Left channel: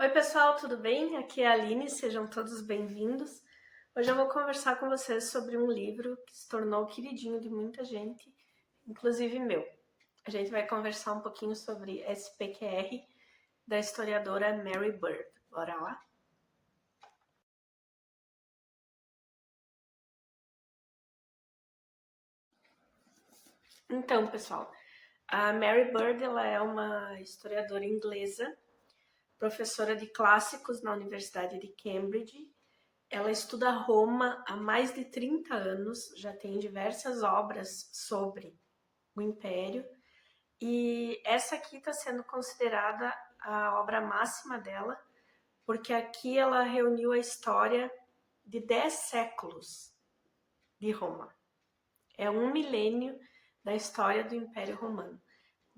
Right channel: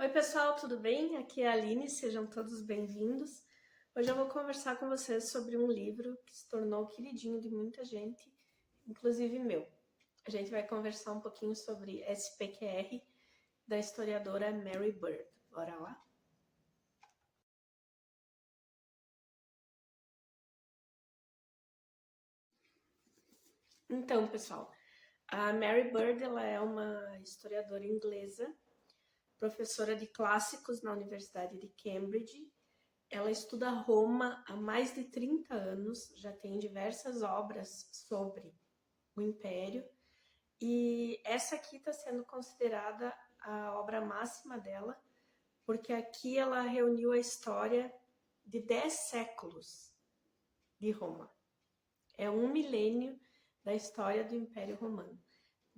Oi pessoal, tudo bem? Aqui é a Aline, sejam todos bem-vindos. Hoje eu vou conversar com vocês sobre um livro que se tornou queridinho de muita gente, inclusive meu. A gente vai conversar um pouquinho sobre SPQR, da historiadora Mary Bird. Bora lá? Então, pessoal, a Mary Bird ela é uma historiadora inglesa, professora de clássicos na Universidade de Cambridge. Ela estuda Roma há mais de 30 anos, já tem diversas obras sobre o Império, e essa aqui está sendo considerada a obra máxima dela, porque aqui ela reuniu a história de 10 séculos de Roma. É um milênio da história do Império Romano,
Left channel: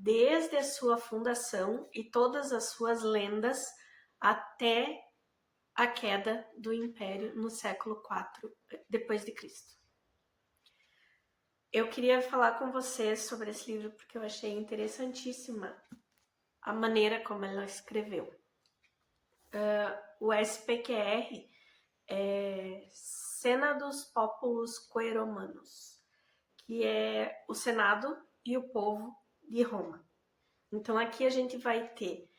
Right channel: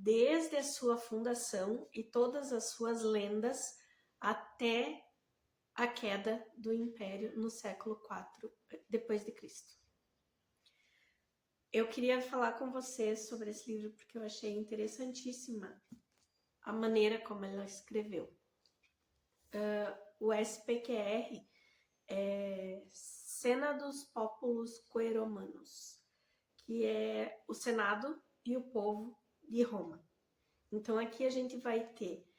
desde a sua fundação e todas as suas lendas até a queda do Império no século IV depois de Cristo. Eu queria falar com vocês sobre esse livro porque eu achei interessantíssima a maneira como ela escreveu. O SPQR é Senatus Populus Quae Romanus, que é o Senado e o povo de Roma. Então aqui a gente vai ter,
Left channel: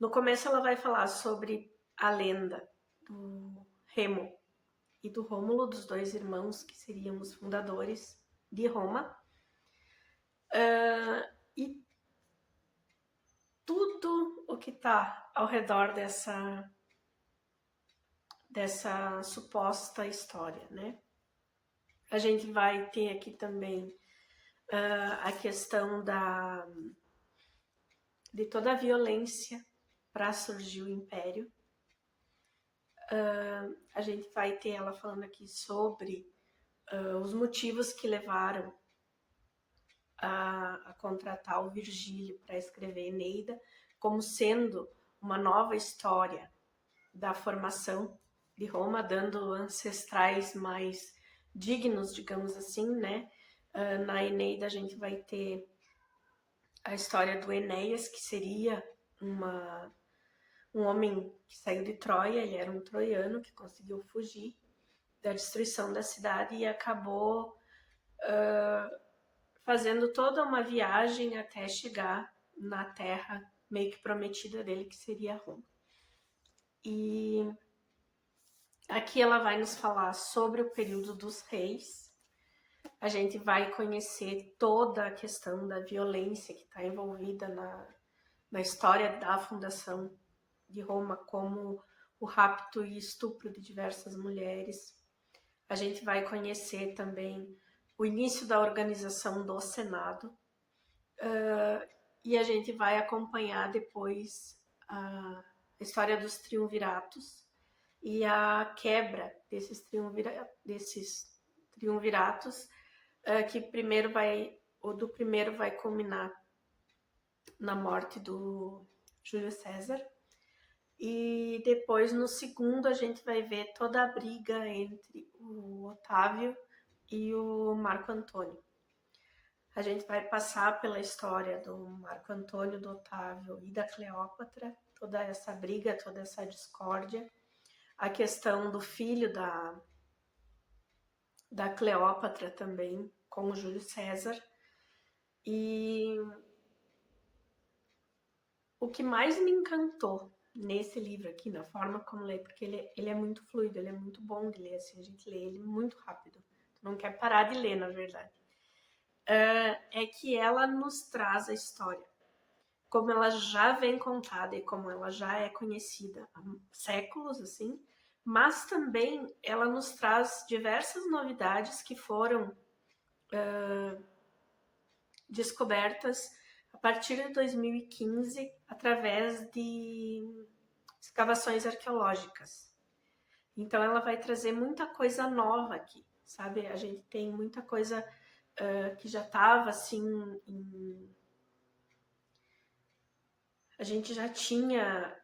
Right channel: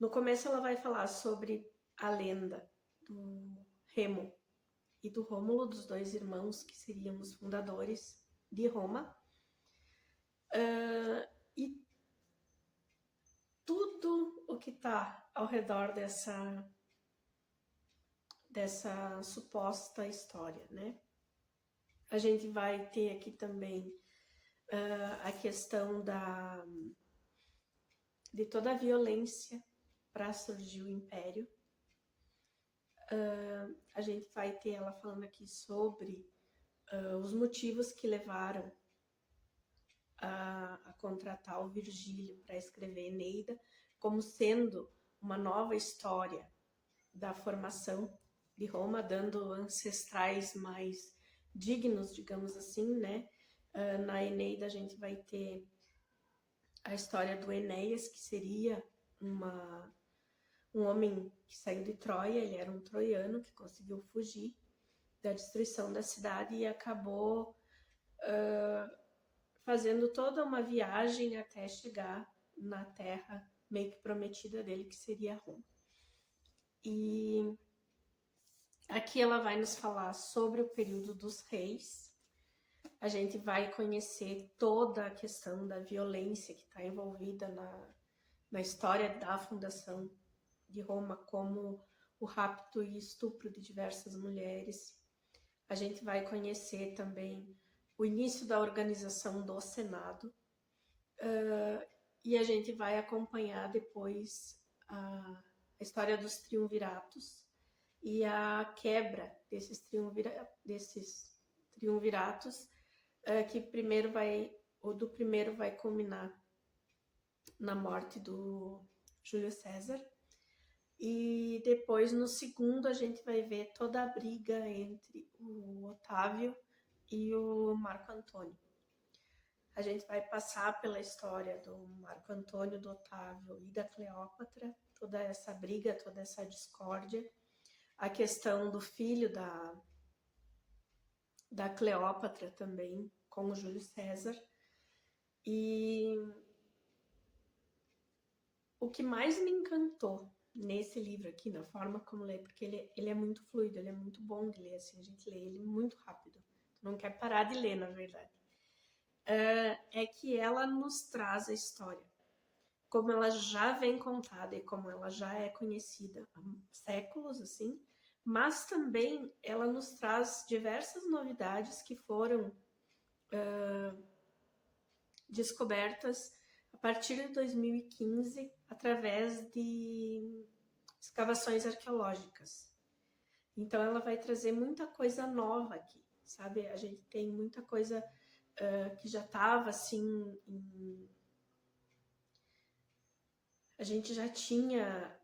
no começo ela vai falar sobre a lenda do Remo e do Rômulo, dos dois irmãos que seriam os fundadores de Roma. E tudo o que está ao redor dessa suposta história, né? A gente vai ter aqui também a questão de toda a violência para surgir o Império. A gente vai ter ela falando aqui sobre os motivos que levaram a contratar o Virgílio para escrever Eneida, como sendo uma nova história da formação de Roma, dando ancestrais mais dignos, digamos assim, né? Na Eneida a gente vai ter a história do Enéas, que seria um homem que saiu de Troia, ele era um troiano que conseguiu fugir da destruição da cidade e acabou fazendo toda uma viagem até chegar na terra meio que prometida dele, que seria Roma. E aqui ela vai nos falar sobre o período dos reis. A gente vai conhecer toda a questão da violência que está envolvida na história da fundação de Roma, como o rapto e estupro de diversas mulheres. A gente vai conhecer também o início da organização do Senado, e a gente vai acompanhar depois a história dos triunviratos e a quebra desses triunviratos, que o do primeiro vai culminar na morte do Júlio César, e depois no segundo a gente vai ver toda a briga entre o Otávio e o Marco Antônio. A gente vai passar pela história do Marco Antônio, do Otávio e da Cleópatra, toda essa briga, toda essa discórdia, a questão do filho da Cleópatra também, com o Júlio César. E o que mais me encantou nesse livro aqui, na forma como ler, porque ele é muito fluido, ele é muito bom de ler, assim, a gente lê ele muito rápido, tu não quer parar de ler, na verdade, é que ela nos traz a história, como ela já vem contada e como ela já é conhecida há séculos, assim, mas também ela nos traz diversas novidades que foram descobertas a partir de 2015 através de escavações arqueológicas. Então ela vai trazer muita coisa nova aqui, sabe? A gente tem muita coisa que já estava assim a gente já tinha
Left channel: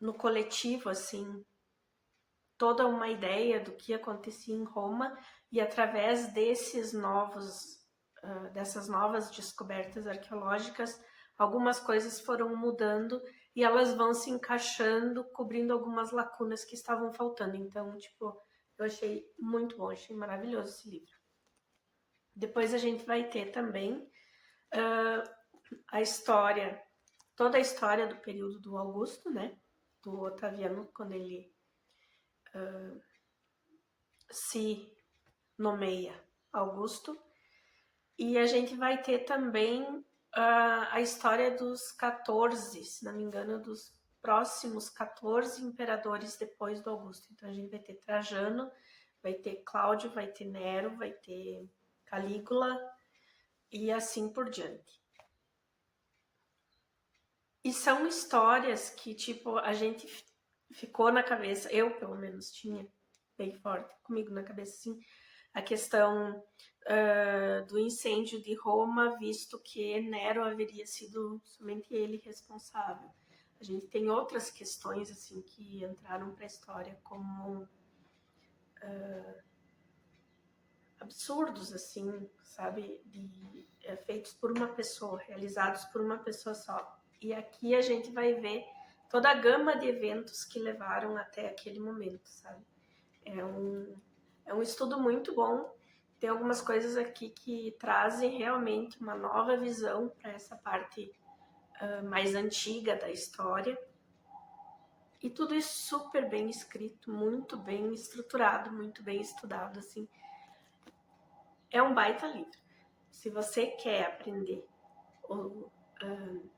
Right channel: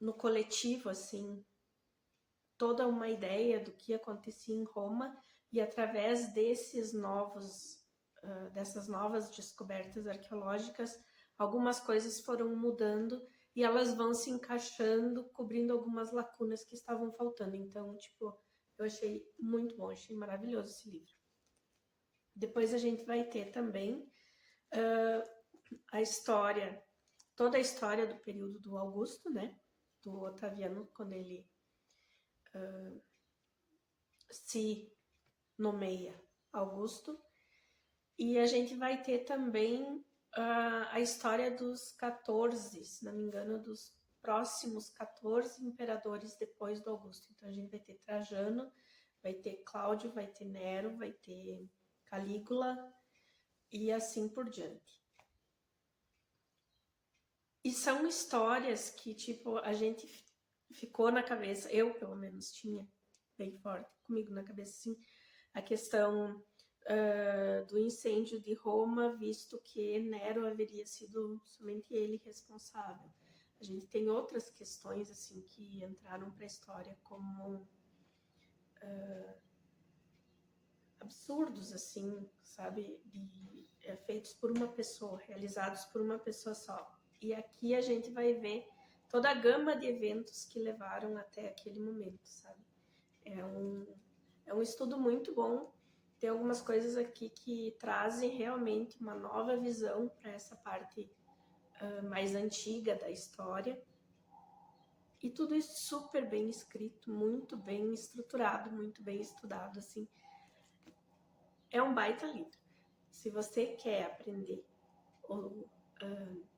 no coletivo assim toda uma ideia do que acontecia em Roma, e através dessas novas descobertas arqueológicas algumas coisas foram mudando e elas vão se encaixando, cobrindo algumas lacunas que estavam faltando. Então, tipo, eu achei muito bom, achei maravilhoso esse livro. Depois a gente vai ter também a história, toda a história do período do Augusto, né? Do Otaviano, quando ele se nomeia Augusto. E a gente vai ter também a história dos 14, se não me engano, dos próximos 14 imperadores depois do Augusto. Então a gente vai ter Trajano, vai ter Cláudio, vai ter Nero, vai ter Calígula e assim por diante. E são histórias que, tipo, a gente ficou na cabeça, eu pelo menos tinha bem forte comigo na cabeça, assim, a questão do incêndio de Roma, visto que Nero haveria sido somente ele responsável. A gente tem outras questões assim que entraram para a história como absurdos, assim, sabe, feitos por uma pessoa, realizados por uma pessoa só. E aqui a gente vai ver toda a gama de eventos que levaram até aquele momento, sabe? É um estudo muito bom. Tem algumas coisas aqui que trazem realmente uma nova visão para essa parte mais antiga da história. E tudo isso super bem escrito, muito bem estruturado, muito bem estudado, assim. É um baita livro. Se você quer aprender, ou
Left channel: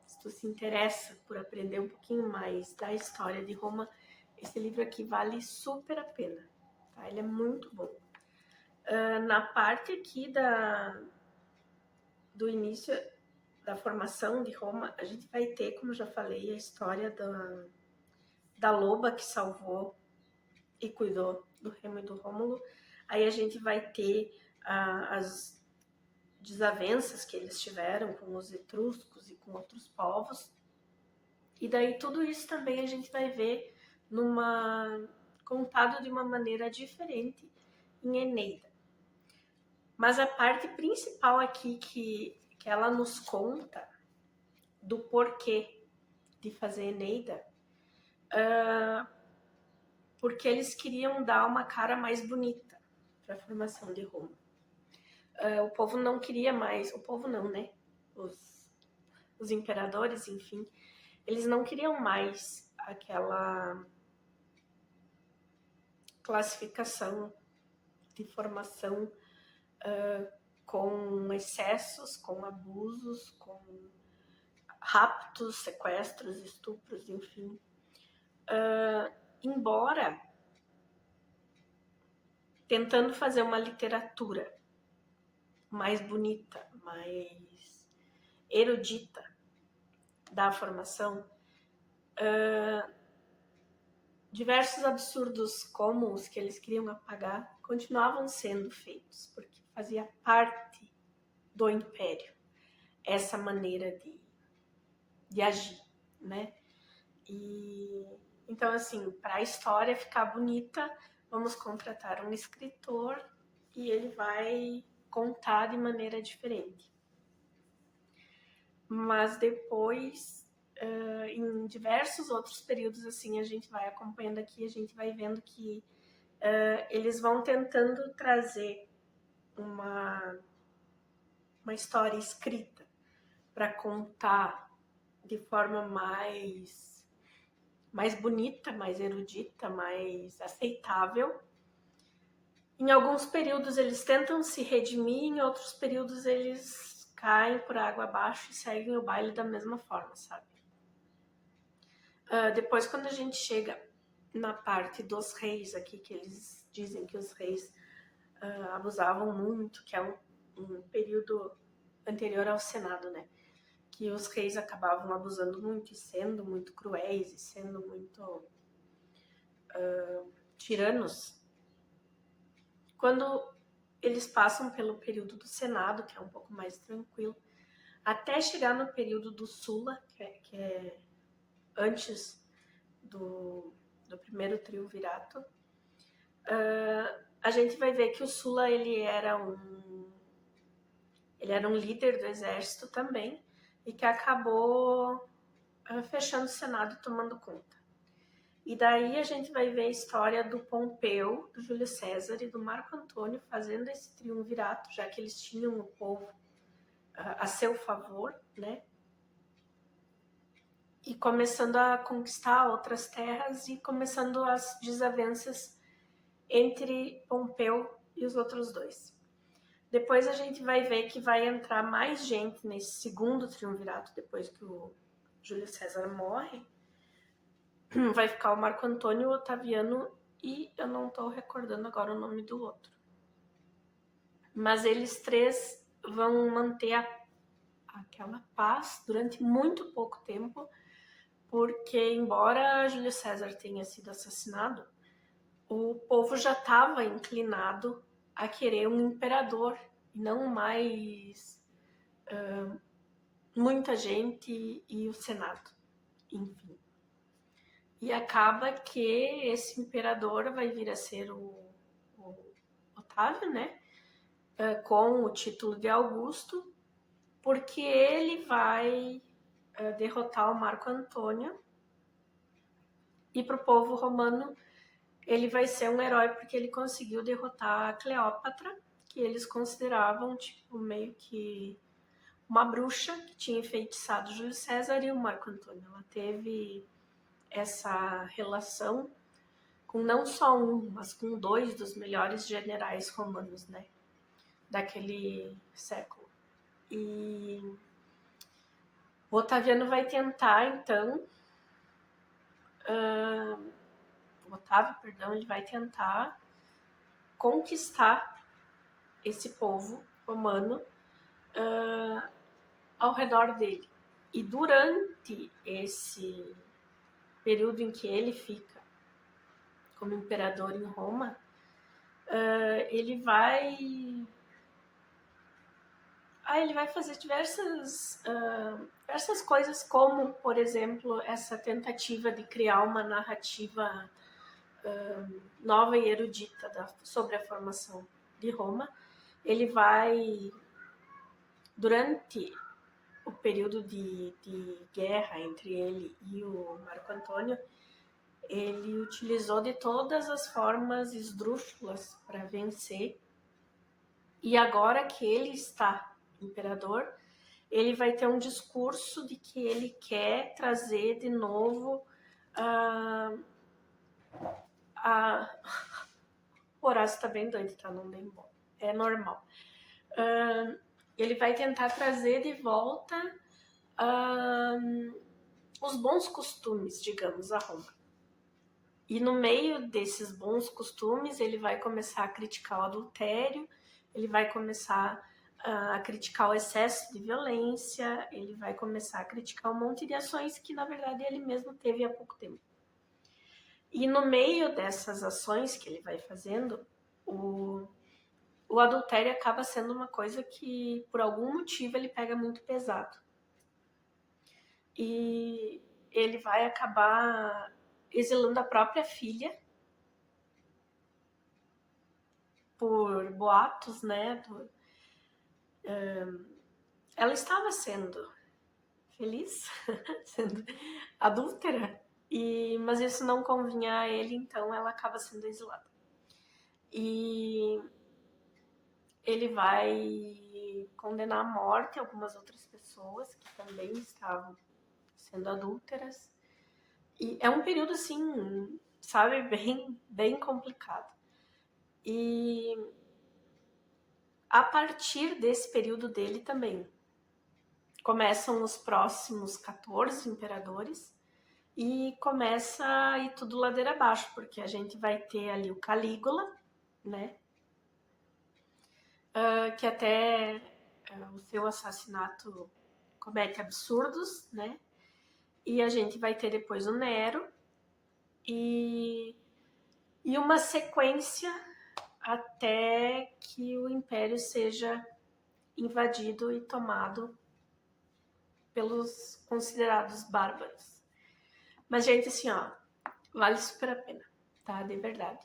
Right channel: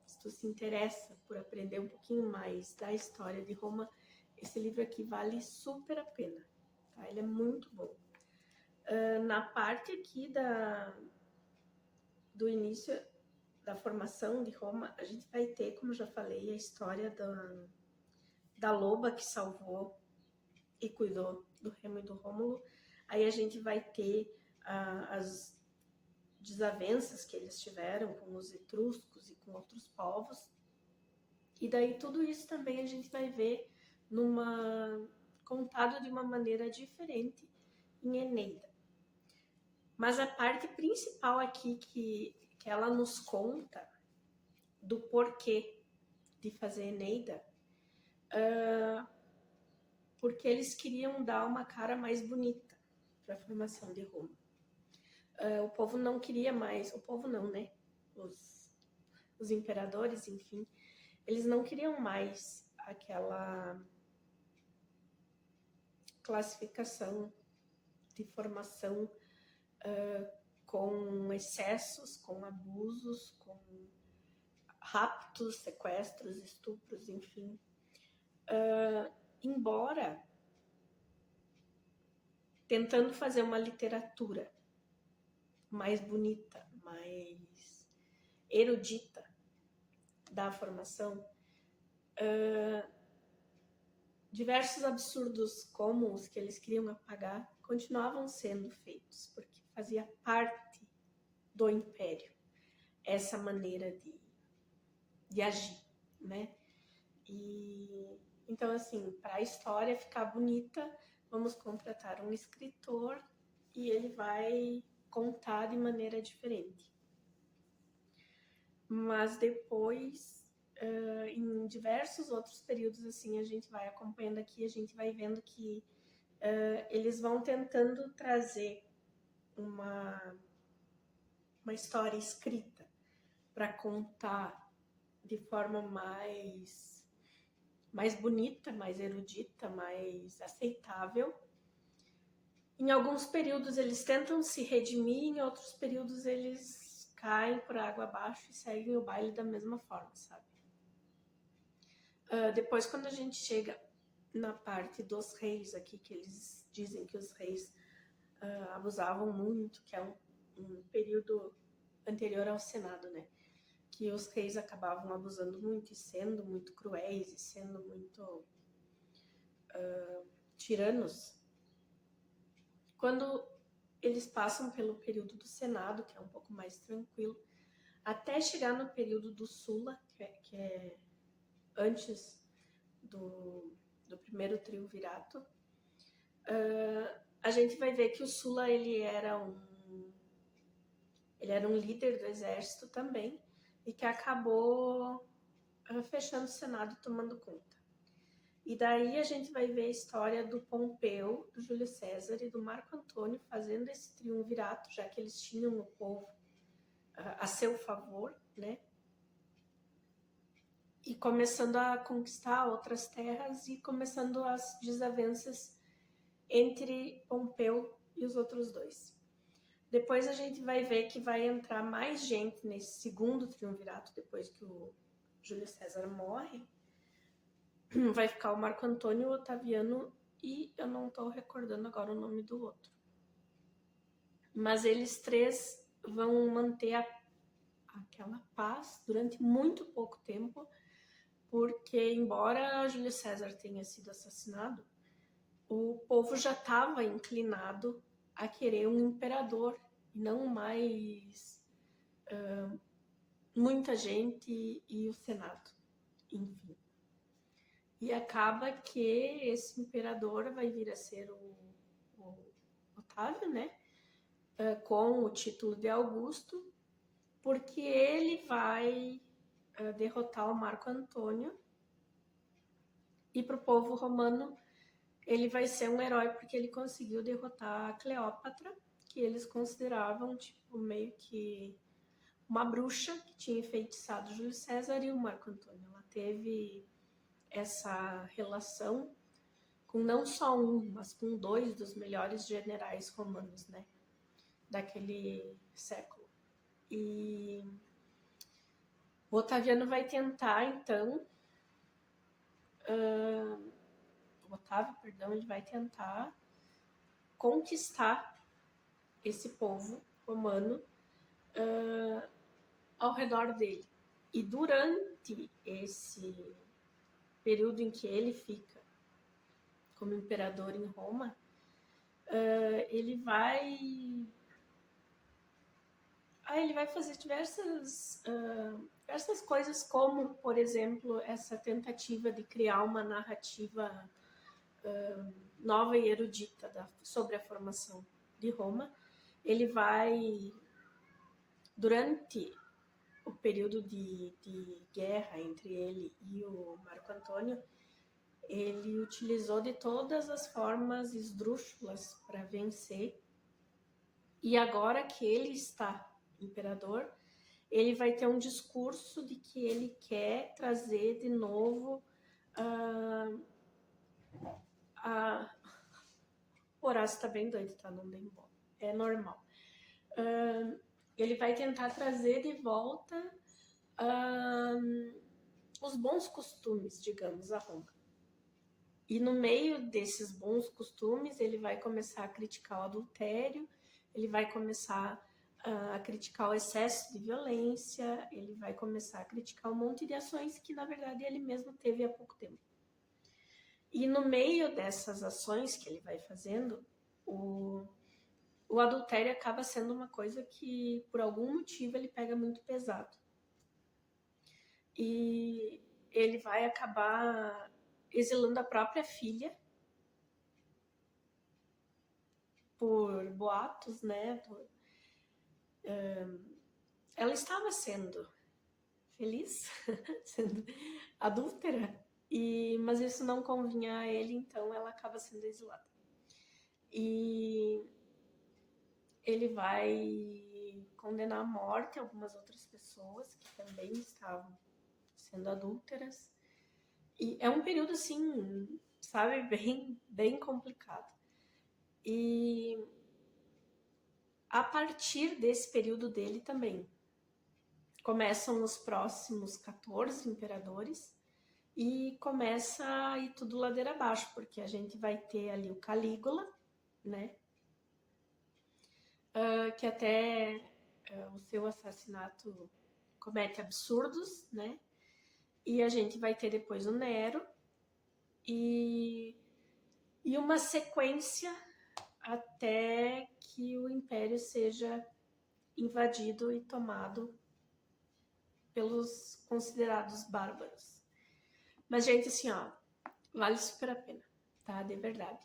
se tu se interessa por aprender um pouquinho mais da história de Roma, esse livro aqui vale super a pena. Tá? Ele é muito bom. Na parte aqui do início da formação de Roma, a gente vai ter, como já falei, a história da loba que salvou e cuidou do Remo e do Rômulo. Aí a gente vai ter as desavenças que eles tiveram com os etruscos e com outros povos. E daí tudo isso também a gente vai ver contado de uma maneira diferente em Eneida. Mas a parte principal aqui que ela nos conta do porquê de fazer Eneida, porque eles queriam dar uma cara mais bonita para a formação de Roma. O povo não queria mais, o povo não, né? Os imperadores, enfim, eles não queriam mais aquela classificação de formação com excessos, com abusos, com raptos, sequestros, estupros, enfim. Embora tentando fazer uma literatura mais bonita, mais erudita da formação, diversos absurdos como os que eles queriam apagar continuavam sendo feitos, porque fazia parte do império essa maneira de agir, né? E então, assim, para a história ficar bonita, vamos contratar um escritor e ele vai contar de maneira diferente. Mas depois, em diversos outros períodos, assim, a gente vai acompanhando aqui, a gente vai vendo que eles vão tentando trazer uma história escrita para contar de forma mais bonita, mais erudita, mais aceitável. Em alguns períodos eles tentam se redimir, em outros períodos eles caem por água abaixo e seguem o baile da mesma forma, sabe? Depois, quando a gente chega na parte dos reis aqui, que eles dizem que os reis abusavam muito, que é um período anterior ao Senado, né? Que os reis acabavam abusando muito e sendo muito cruéis e sendo muito tiranos. Quando eles passam pelo período do Senado, que é um pouco mais tranquilo, até chegar no período do Sula, que é antes do primeiro triunvirato, a gente vai ver que o Sula ele era um líder do exército também, e que acabou fechando o Senado e tomando conta. E daí a gente vai ver a história do Pompeu, do Júlio César e do Marco Antônio fazendo esse triunvirato, já que eles tinham o povo a seu favor, né? E começando a conquistar outras terras e começando as desavenças entre Pompeu e os outros dois. Depois a gente vai ver que vai entrar mais gente nesse segundo triunvirato, depois que o Júlio César morre. Vai ficar o Marco Antônio, o Otaviano e eu não estou recordando agora o nome do outro. Mas eles três vão manter aquela paz durante muito pouco tempo, porque embora Júlio César tenha sido assassinado, o povo já estava inclinado a querer um imperador e não mais muita gente e o Senado, enfim. E acaba que esse imperador vai vir a ser o Otávio, né? Com o título de Augusto, porque ele vai derrotar o Marco Antônio e para o povo romano ele vai ser um herói porque ele conseguiu derrotar a Cleópatra, que eles consideravam tipo meio que uma bruxa que tinha enfeitiçado Júlio César e o Marco Antônio. Ela teve essa relação com não só um, mas com dois dos melhores generais romanos, né, daquele século. E o Otaviano vai tentar, então, o Otávio, perdão, ele vai tentar conquistar esse povo romano ao redor dele. E durante esse período em que ele fica como imperador em Roma, ele vai fazer diversas coisas, como, por exemplo, essa tentativa de criar uma narrativa nova e erudita sobre a formação de Roma. Ele vai, durante o período de guerra entre ele e o Marco Antônio, ele utilizou de todas as formas esdrúxulas para vencer. E agora que ele está imperador, ele vai ter um discurso de que ele quer trazer de novo o Horácio tá bem doido, tá? Não bem bom. É normal. Ele vai tentar trazer de volta os bons costumes, digamos, a Roma. E no meio desses bons costumes, ele vai começar a criticar o adultério, ele vai começar a criticar o excesso de violência, ele vai começar a criticar um monte de ações que, na verdade, ele mesmo teve há pouco tempo. E no meio dessas ações que ele vai fazendo, o adultério acaba sendo uma coisa que, por algum motivo, ele pega muito pesado. E ele vai acabar exilando a própria filha por boatos, né? Ela estava sendo feliz, sendo adúltera, mas isso não convinha a ele, então ela acaba sendo exilada. E ele vai condenar à morte algumas outras pessoas que também estavam sendo adúlteras. E é um período, assim, sabe, bem complicado. E a partir desse período dele também começam os próximos 14 imperadores e começa a ir tudo ladeira abaixo, porque a gente vai ter ali o Calígula, né? Que até o seu assassinato comete absurdos, né? E a gente vai ter depois o Nero e uma sequência até que o Império seja invadido e tomado pelos considerados bárbaros. Mas, gente, assim, ó, vale super a pena, tá? De verdade.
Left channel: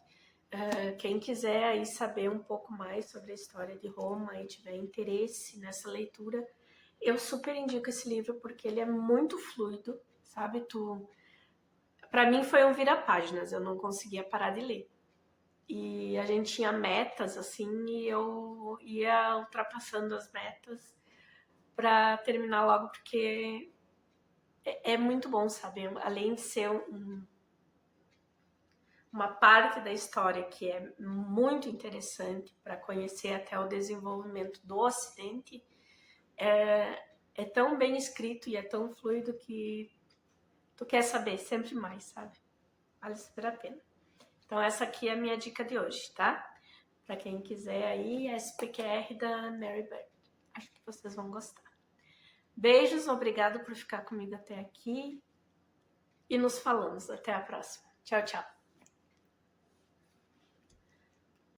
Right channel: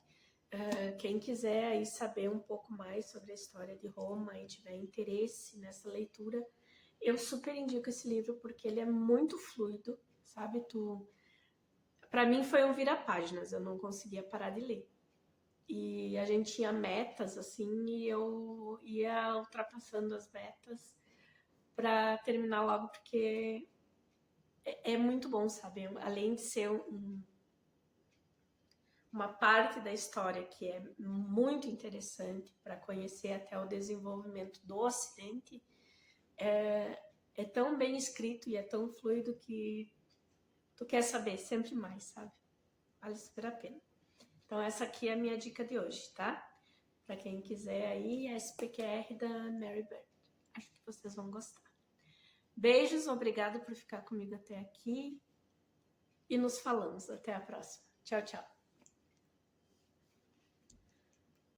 Quem quiser aí saber um pouco mais sobre a história de Roma e tiver interesse nessa leitura, Eu super indico esse livro porque ele é muito fluido, sabe? Para mim foi um vira-páginas, eu não conseguia parar de ler. E a gente tinha metas assim e eu ia ultrapassando as metas para terminar logo porque é muito bom, sabe? Além de ser uma parte da história que é muito interessante para conhecer até o desenvolvimento do Ocidente, é tão bem escrito e é tão fluido que tu quer saber sempre mais, sabe? Vale super a pena. Então essa aqui é a minha dica de hoje, tá? Para quem quiser aí, SPQR da Mary Bird. Acho que vocês vão gostar. Beijos, obrigado por ficar comigo até aqui e nos falamos. Até a próxima. Tchau, tchau.